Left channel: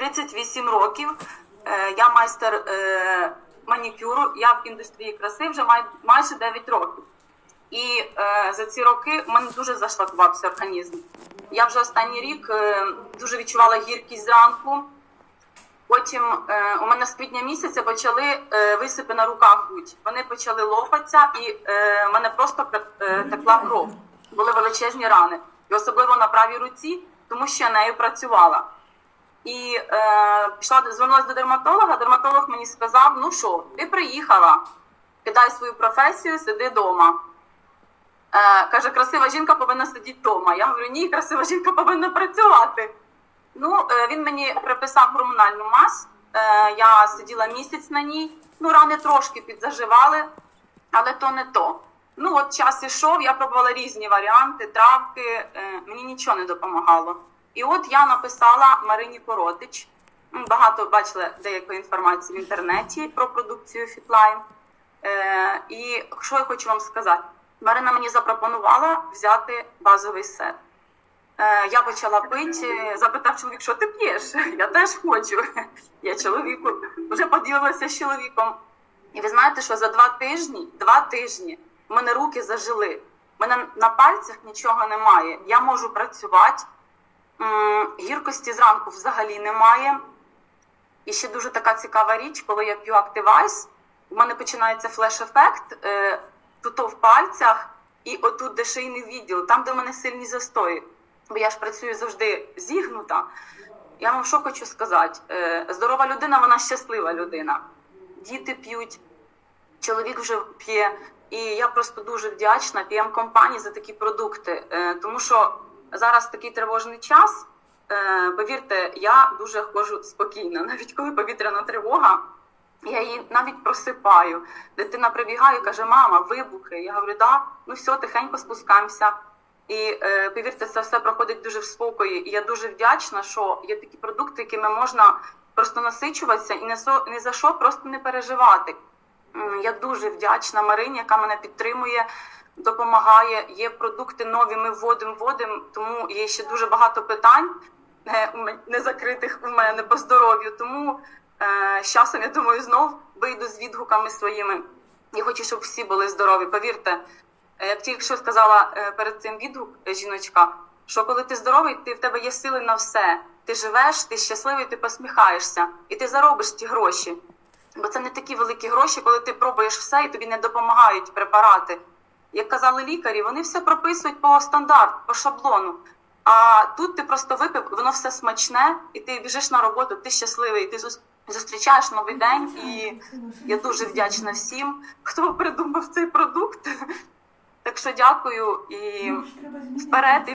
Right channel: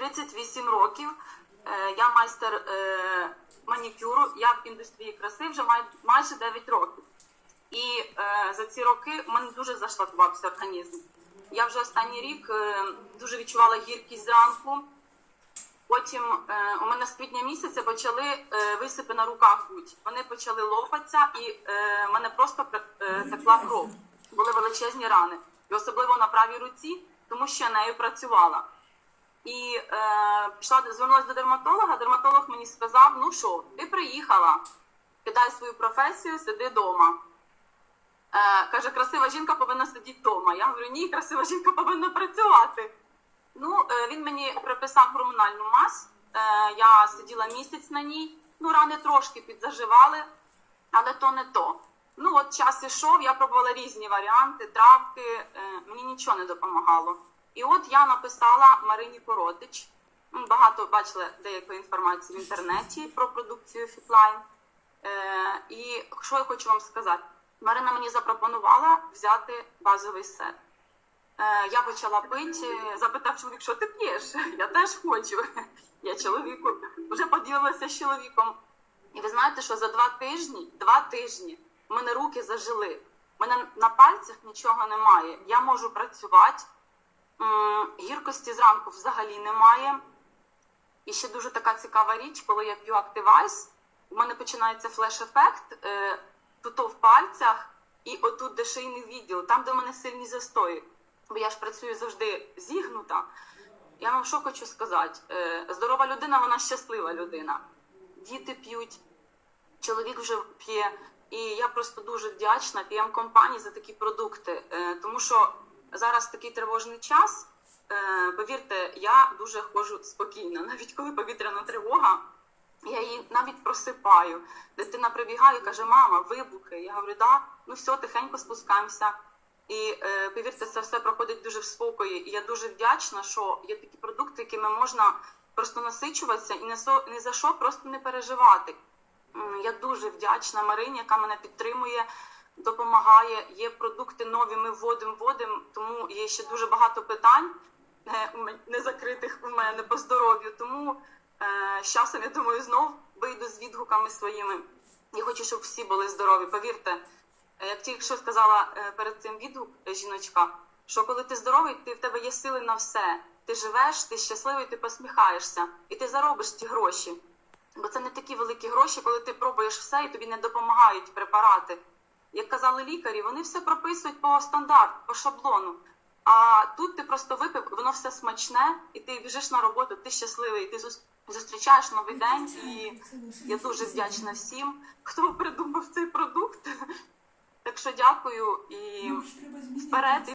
38 років. Е, Я майстер е, манікюру. Я в індустрії краси вже майже 9 років. І е, за ці роки в мене дуже зашлакувався організм. Я вже останній рік дуже відчувала гіркість зранку. Потім у мене з квітня місяця почали висипи на руках бути. Вони почали лопатися, і в мене просто текла кров. Були величезні рани. І особливо на правій руці, тому що я нею працювала. І е, пішла звернулася до дерматолога. Дерматолог мені сказав: ну що, ти приїхала, кидай свою професію, сиди вдома. Е, каже, красива жінка повинна сидіти вдома. Я говорю, ні, красива жінка повинна працювати. Ну, е, він мені приписав гормональну мазь. Е, я сиділа місяць на ній. Ну, рани трошки підзаживали, але то не то. Ну, от час ішов, я пробувала різні варіанти, травки, е, мені нічого не допомагало. І от я написала Марині Коротич. Багато бачила деякої інформації в інтернеті про продукцію Фітлайн. Е, і що я хочу вам сказати? Марина мені запропонувала взяти базовий сет. Е, я почала пити, запитав чоловік, що ти п'єш? Я теж хочу. Я чоловіку вже поділилася з чоловіком. І ви знаєте, що за два тижні, два тижні в мене руки зажили. У мене на пальцях нічого немає. Я можу працювати. М, Гіркості зранку взагалі немає. І ще дуже така цікава річ, коли я п'ю Activise, у мене починається флеш-ефект е, тут в пальцях і отут, де шийний відділ, там, де в мене сильні застої. Бо я ж працюю завжди зігнута. Я вам що хочу сказати: е, здорова людина, вона щаслива людина. Діти п'ють, чоловік вже п'є. І я просто дуже вдячна п'єм компанії за такі продукти, Е, тому що зараз такий тривожний час. Е, Повірте, я дуже ходжу спокійно, навіть коли повітряна тривога. Я її навіть просипаю. Дитина прибігає каже: Мама, вибухи. Я говорю, да, ну все, тихенько спускаємося. І е, повірте, це все проходить дуже в спокої. І я дуже вдячна, що є такі продукти, якими можна просто насичуватися і не, со, не за що просто не переживати. Я дуже вдячна Марині, яка мене підтримує, допомагає. Є продукти нові, ми вводимо, вводимо, тому є ще дуже багато питань е, у мен- незакритих у мене по здоров'ю. Тому е, з часом, я думаю, знов вийду з відгуками своїми. Я хочу, щоб всі були здорові. Повірте, е, як тільки що сказала е, перед цим відгук жіночка, що коли ти здоровий, ти в тебе є сили на все. Ти живеш, ти щасливий, ти посміхаєшся, і ти заробиш ті гроші. Бо це не такі великі гроші, коли ти пробуєш все і тобі не допомагають препарати. Як казали лікарі, вони все прописують по стандарту, по шаблону. А тут ти просто випив, воно все смачне, і ти біжиш на роботу, ти щасливий, ти зустрічаєш новий день. І я дуже вдячна всім, хто придумав цей продукт. Так що дякую і вперед.